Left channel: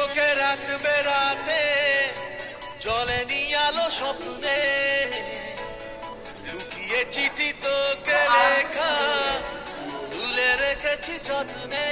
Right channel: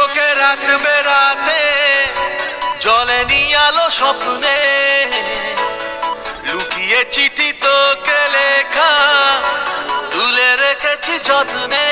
তোকে রাত বেরাতে জলে নিয়ে আলো স্বপ্নে লুকিয়ে চিঠি তোকে লেখা তুলে রেখেছি যত্নে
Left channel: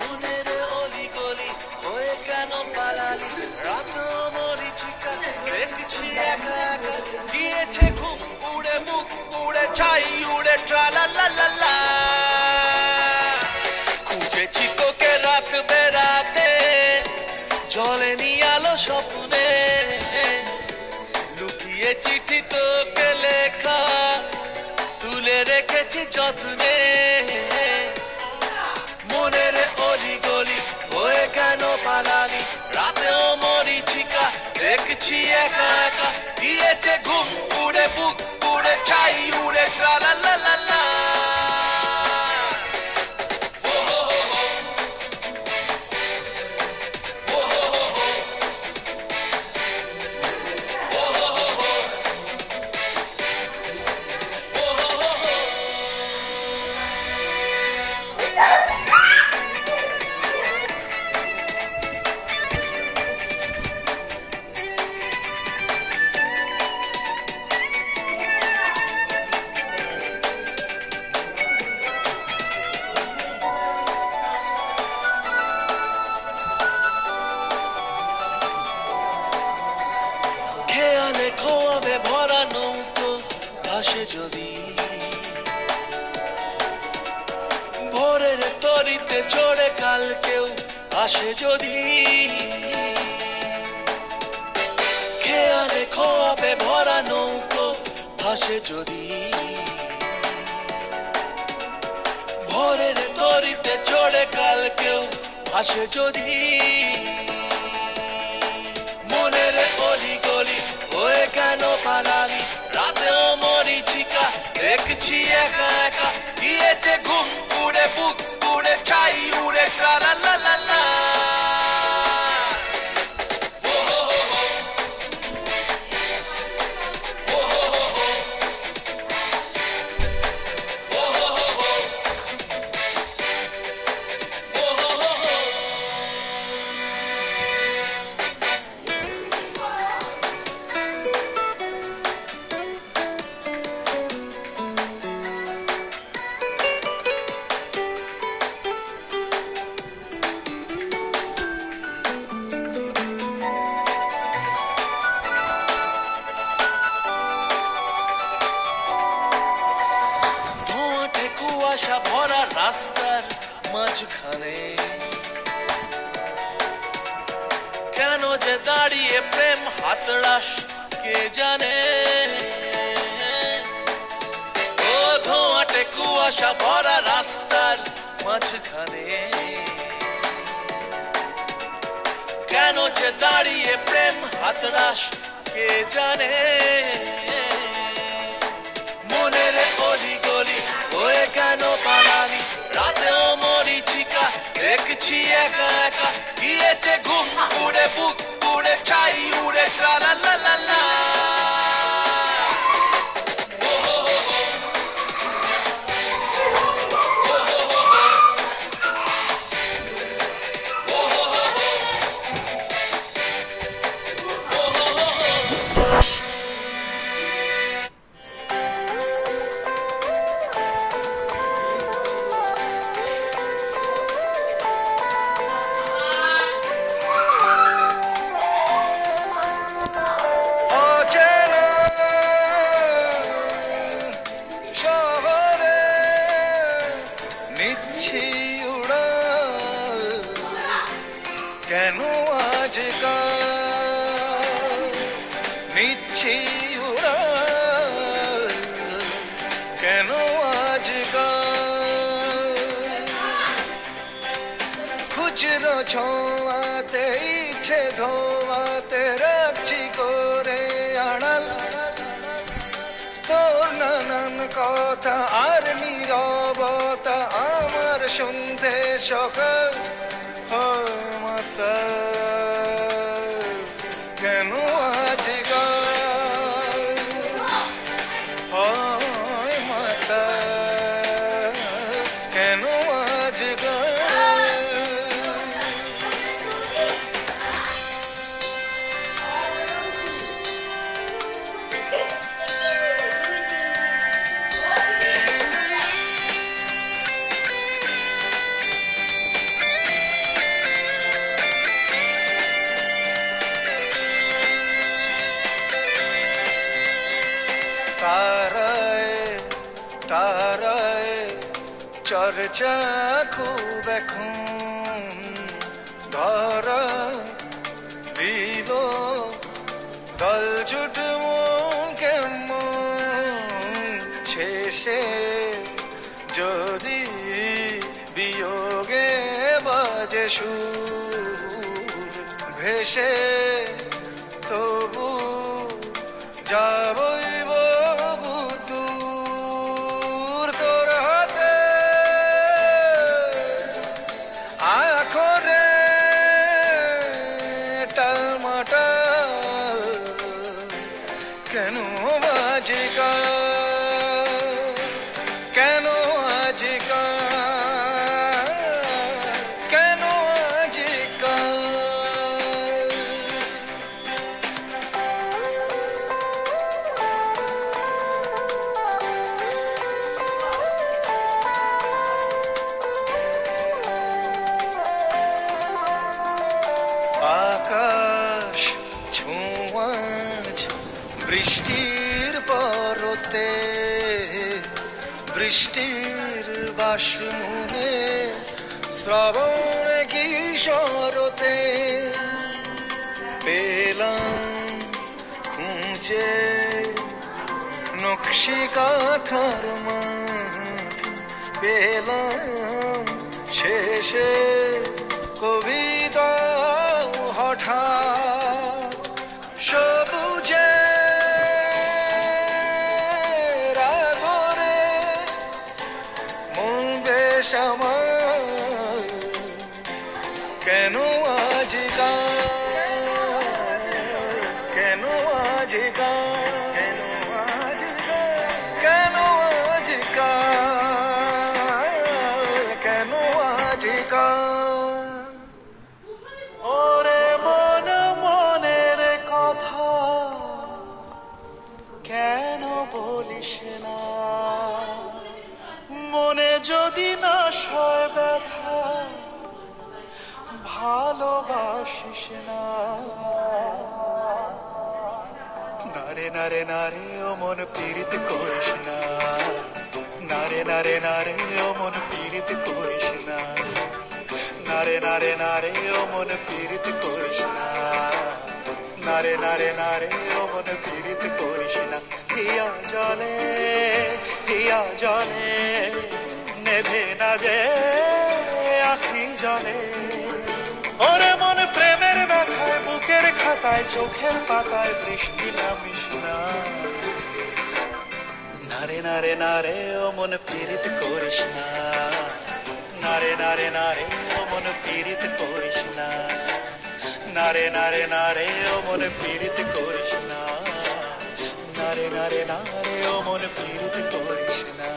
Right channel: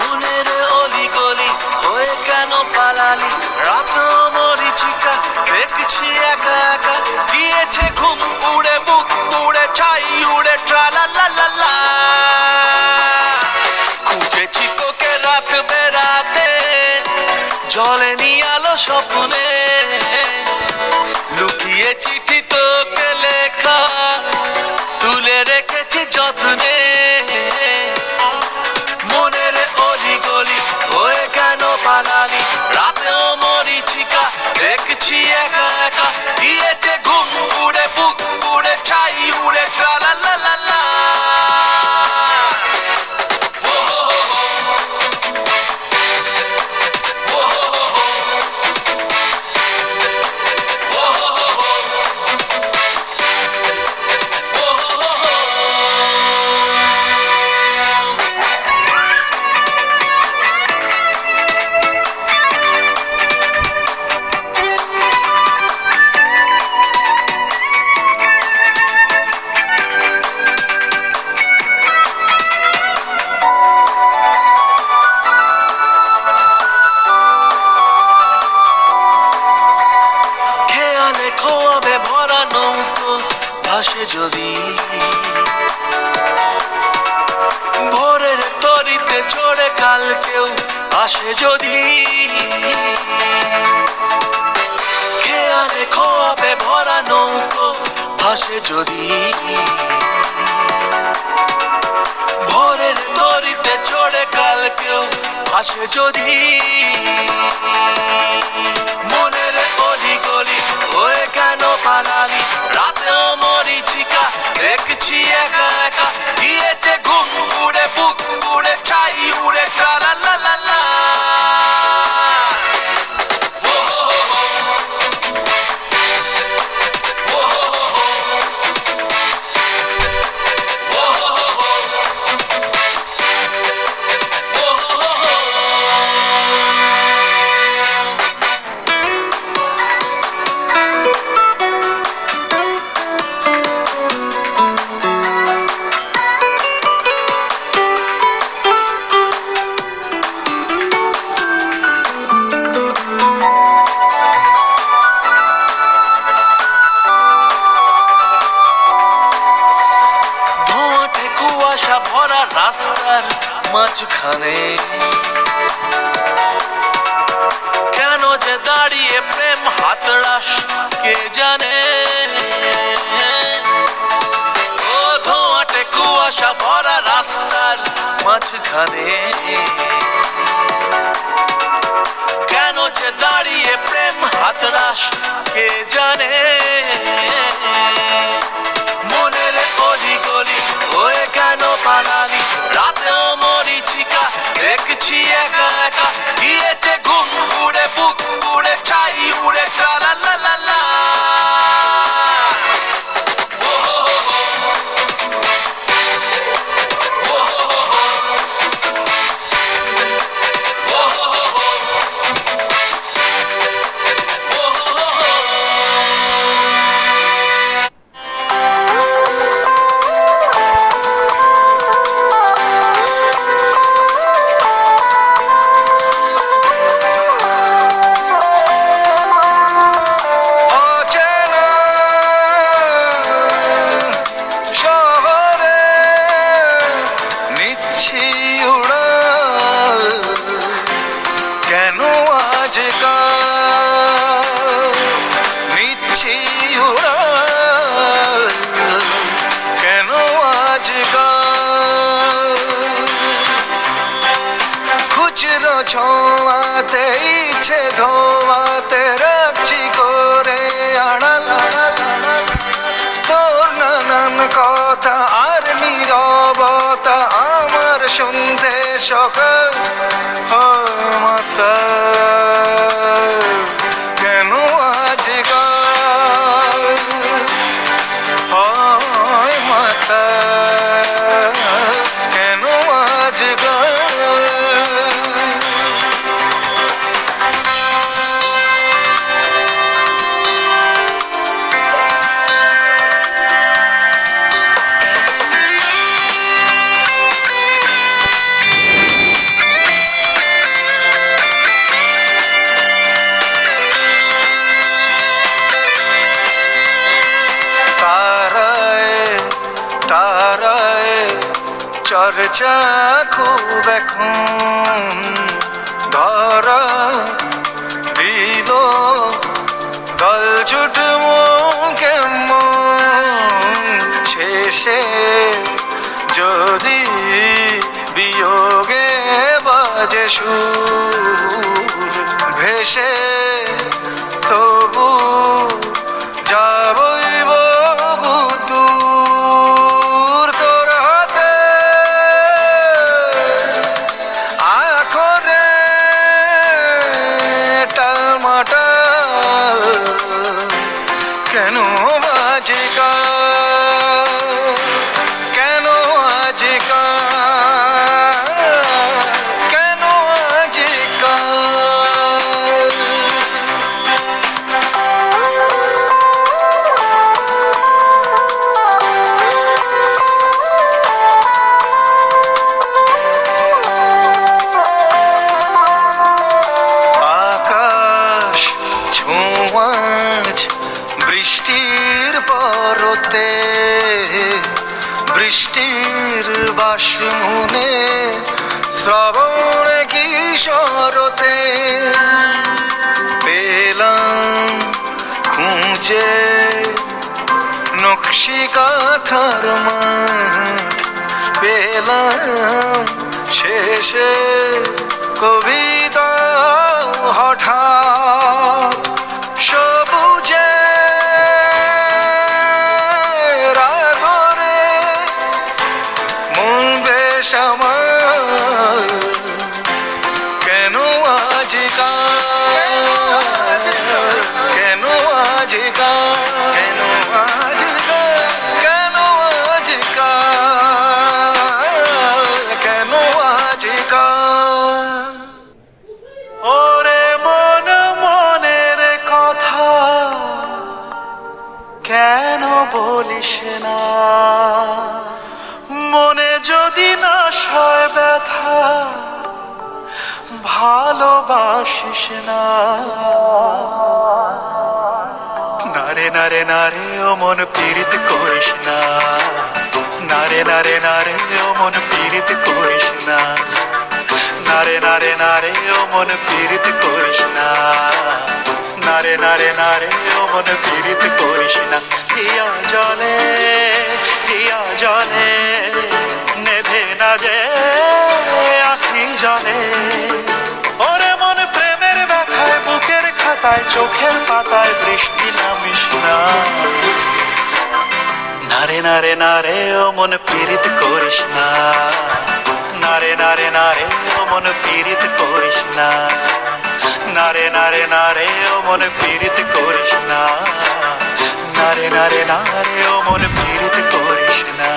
মনের অলি গলি হয়ে কেন পালালি রাত মরিচিকা দেখছি একা একা গিয়েছে ঘুম উড়ে বুক উড়ে ছাই উড়ে ট্রালা লা লা লা খুঁজেছি তোকে রাত বেরাতে জলে নিয়ে আলো স্বপ্নে লুকিয়ে চিঠি তোকে লেখা তুলে রেখেছি যত্নে মনের অলি গলি হয়ে কেন পালালি রাতেও মরিচিকা দেখছি একা একা গিয়েছে ঘুম উড়ে বুক উড়ে ছাই উড়ে ট্রালা লা লা লা খোয়াবে ভরা নৌকো ভাসে যদি ভোরের তরিতে চড়ে কাল কেউ আসে যদি খেয়ালে খোয়াবে ভরা নৌকো ভাসে যদি ভোরের তরিতে চড়ে কাল কেউ আসে যদি মনের অলি গলি হয়ে কেন পালালি রাতেও মরিচিকা দেখছি একা একা গিয়েছে ঘুম উড়ে বুক উড়ে ছাই উড়ে ট্রালা লা লা লা ভরা রাস্তার মাঝখানে কেন যে দাঁড়িয়ে প্রেম হাতড়াস কে জানে ও ধোঁয়াটে কুয়াশা ভরা রাস্তার মাঝখানে কেন যে দাঁড়িয়ে প্রেম হাতড়াস কে জানে মনের অলি গলি হয়ে কেন পালালি রাতেও মরিচিকা দেখছি একা একা গিয়েছে ঘুম উড়ে বুক উড়ে ছাই উড়ে ট্রালা লা লা লা কেন আজকাল নিচ্ছি উড়াল কেন আজকাল খুচরো ছোঁয়াতে ইচ্ছে ধোয়াতে রাখছি করে আড়াল তোর নানান কথা আর নীরবতা আমার শুনতে সকাল মাতা কেন আজকাল হয় মাতা কেন আজকাল চর্চা খুব এখন ধরা দিল দলছুট কেমন শেষে যদি বিয়োগে বাজে সুর ভেসে তবু যাবই বহু দূর তোর হাতে আখরে টালমাটাল কেন বাজিকাল কেন আজিকাল কেন আজিকাল আকাশ ছোঁয়াজ বৃষ্টির পরতে বৃষ্টির বাসমনে শ্রাবণ কিশোরতে পেলাম খুঁজে নকশি কাঁথার মাঠ পেলাম শেষে কবিতা হঠাৎ সবুজে রাগরে মন বেশ আমার কেন আজিকাল কেন আজিকাল কেন আজিকাল কেন আজিকাল কেন আজিকাল ওরে মন মনের কথা কেন বলিস না মনে যদি না সয় ব্যথা ভালোবাসিস না নারে নারে নারে ও মন পীড়িত করিস না নারে নারে নারে ও মন পীড়িত করিস না নারে নারে নারে ও মন পীড়িত করিস না নারে নারে নারে ও মন পীড়িত করিস না হিয়া জলে নেভে না যে আখি জলে ওরে মন প্রেমের ব্যথায় বুকের খাতায় চোখের পাতায় বৃষ্টি নামিস না নারে নারে নারে ও মন পীড়িত করিস না নারে নারে নারে ও মন পীড়িত করিস না নারে নারে নারে ও মন পীড়িত করিস না নারে নারে নারে ও মন পীড়িত করিস না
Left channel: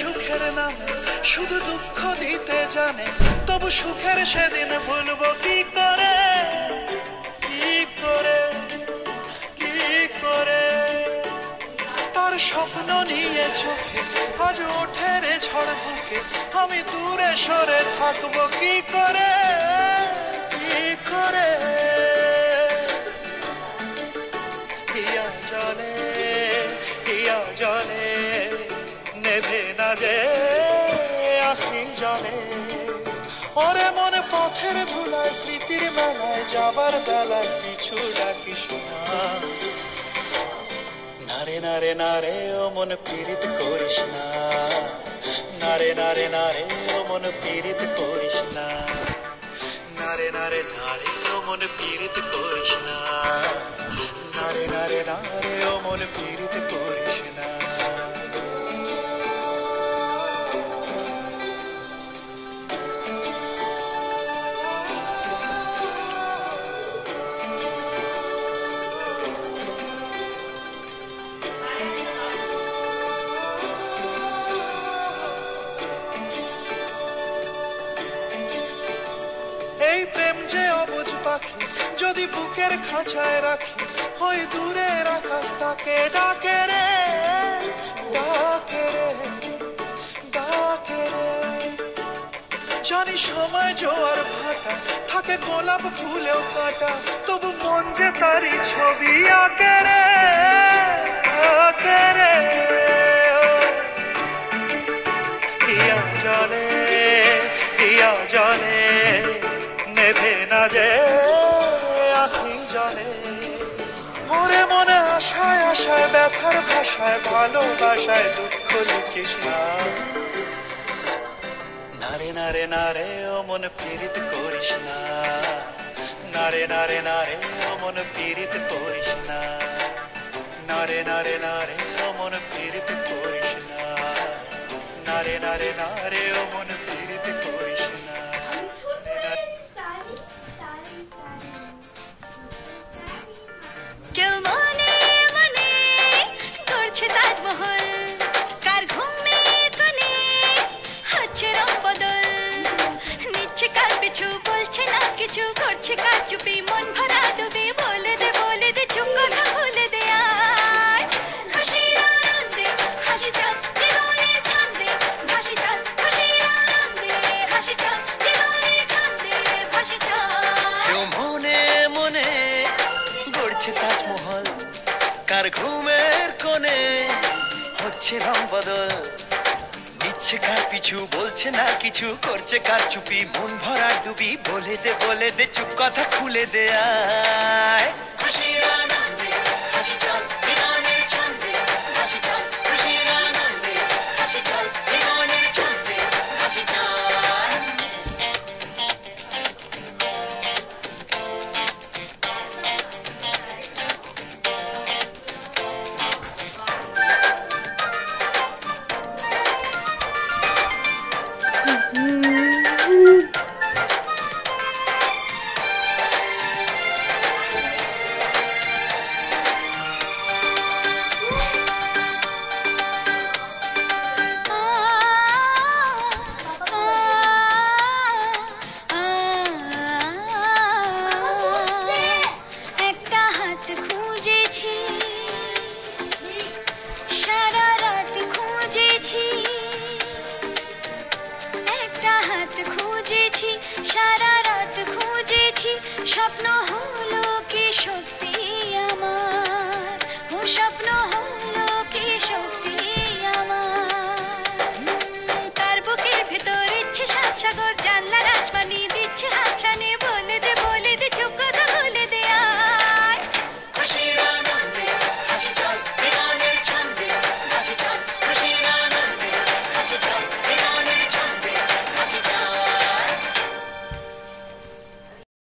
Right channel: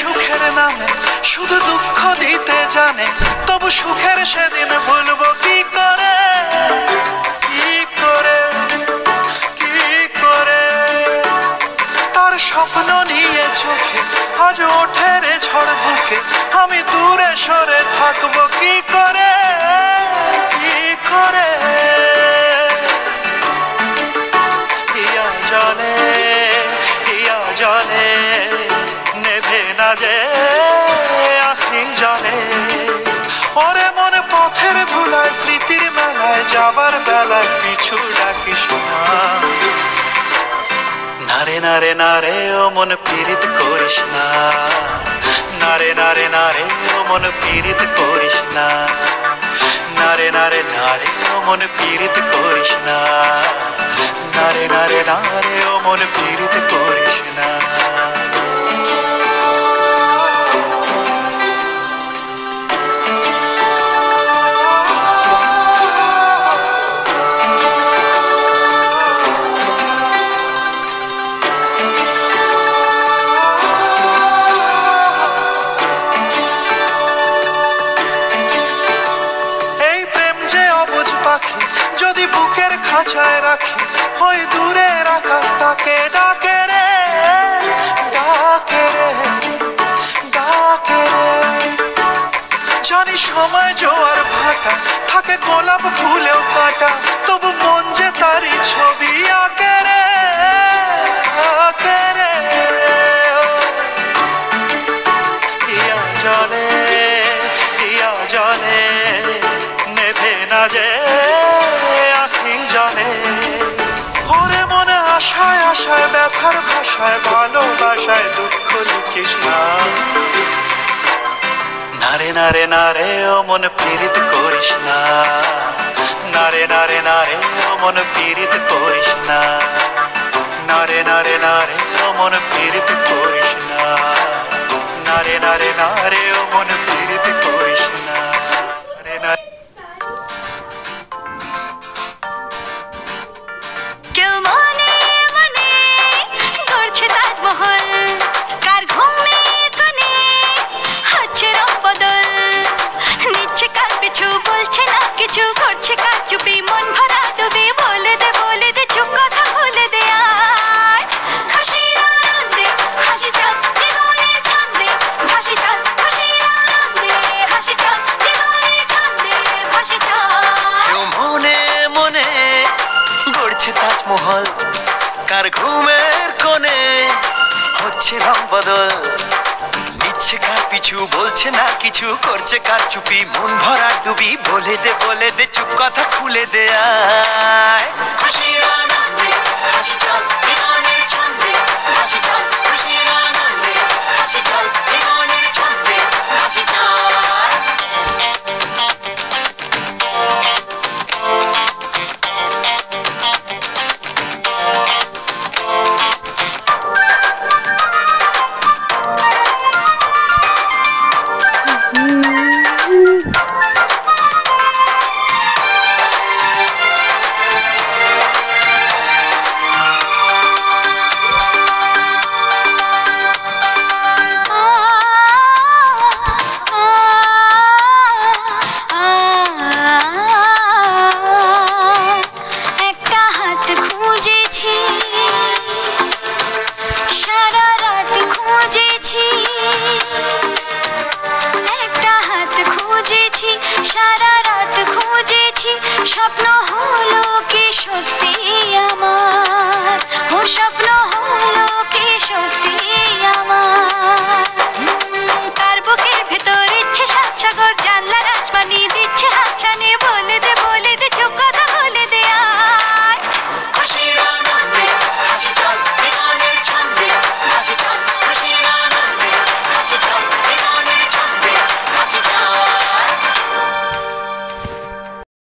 সুখের নামে শুধু দুঃখ দিতে জানে তবু সুখের সেদিন ভুলবো কি করে কি করে কি করে তার স্বপ্ন নিয়ে চোখে আজ ওঠে রে ঝড় বুকে আমি দূরে সরে থাকবো কি করে কি করে হিয়া জলে নেভে না যে আখি জলে ওরে মনে পথের ধুলায় স্মৃতির মেলায় যাবার বেলায় পিছু ডাকিস না নারে নারে নারে ও মন পীড়িত করিস না নারে নারে নারে ও মন পীড়িত করিস না নারে নারে নারে ও মন পীড়িত করিস না নারে নারে নারে ও মন পীড়িত করিস না যদি বুকের খাঁচায় রাখি ওই দূরের আকাশ তাকে ডাকে রে ডাকে রে ডাকে রে। জানি সময় জোয়ার ভাটা, থাকে গোলাপ ফুলেও কাটা, তবু মন যে তারই ছবি আঁকে রে আঁকে রে। হিয়া জলে হিয়া জলে নেভে না যে আখি জলে। ওরে মনে আশায় আশায় ব্যথার ভাষায় ভালোবাসায় দুঃখ লিখিস না। নারে নারে নারে ও মন পীড়িত করিস না। নারে নারে নারে ও মন পীড়িত করিস না। নারে নারে নারে ও মন পীড়িত করিস না। নারে নারে নারে ও মন পীড়িত করিস না। নারে নারে। কেউ মনে মনে করছে তাজমহল, কার ঘুমে কোণে হচ্ছে রং বদল, নিচ্ছে কার পিছু বলছে না কিছু, করছে কার চুপি মন ভরা ডুবে। বলে দে চুপ কথা খুলে দে আর খুশির আনন্দে হাসি চল জীবনের ছন্দে ভাসি চল। খুশির আনন্দে হাসি চল জীবনের ছন্দে ভাসি চল। কেউ মনে মনে গড়ছে তাজমহল, কার ঘুমের কোণে হচ্ছে রং বদল, নিচ্ছে কার পিছু বলছে না কিছু, করছে কার চুপি মন ভরা ডুবি। বলে দে চুপ কথা খুলে দে আয় খুশির আনন্দে হাসি চল জীবনের ছন্দে ভাসি চল। খুশির আনন্দে হাসি চল জীবনের ছন্দে ভাসি চল। একটা হাত খুঁজেছি, সারা রাত খুঁজেছি। একটা হাত খুঁজেছি, সারা রাত খুঁজেছি। স্বপ্ন হলো কি সত্যি আমার, ও স্বপ্ন